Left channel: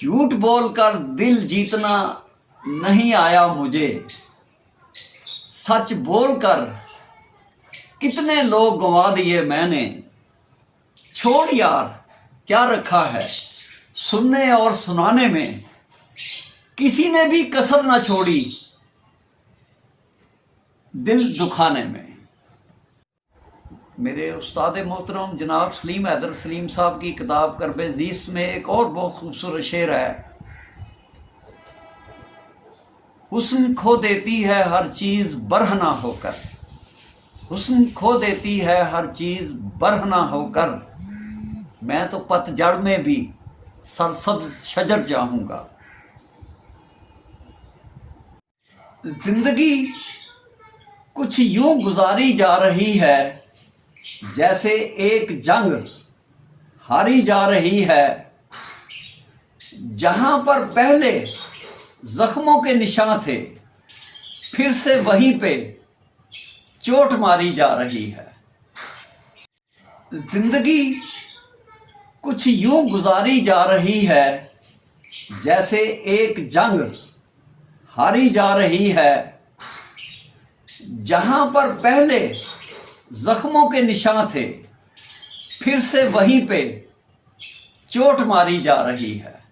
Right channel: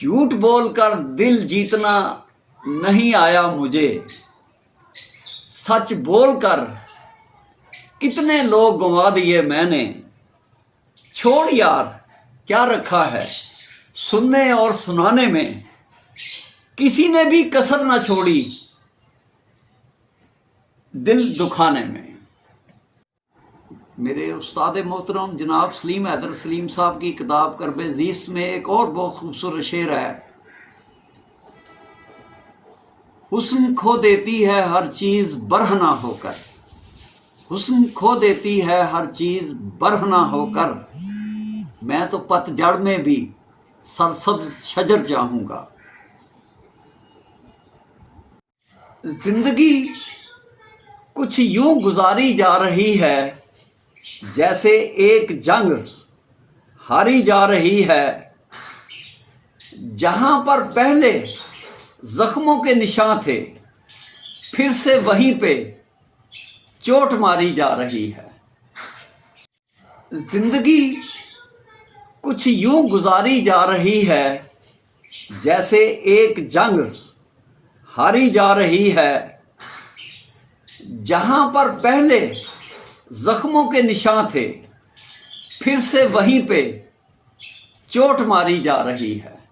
झूठ बोलकर दिल जीतना नहीं आया मुझे, सच बोलकर कितने लोग गंवा दिए मैंने। छोड़ यार, क्या रखा है सुनने और सुनाने में, किसी ने भी कसर ना छोड़ी दिल दुखाने में। मेरे उस्ताद मोहतरम जनाब सलीम हैदर सलीम साहब की किताब करबे ज़ीस्त में एक और बहुत खूबसूरत शेर है। हुस्न खो देती है हर चीज़ बरहना होकर, हुस्न खो देती है हर चीज़ बरहना होकर, मैं तो पतझड़ में भी सरसब्ज शजर चाहूँगा। जिंदगी कुछ यूं गुजारी जा रही है जैसे एक जंग हारी जा रही है, जहां पर पहले जख्मों के निशान थे फिर से वहीं पे चोट मारी जा रही है। जिंदगी कुछ यूं गुजारी जा रही है जैसे एक जंग हारी जा रही है, जहां पर पहले जख्मों के निशान थे फिर से वहीं पे चोट मारी जा रही है।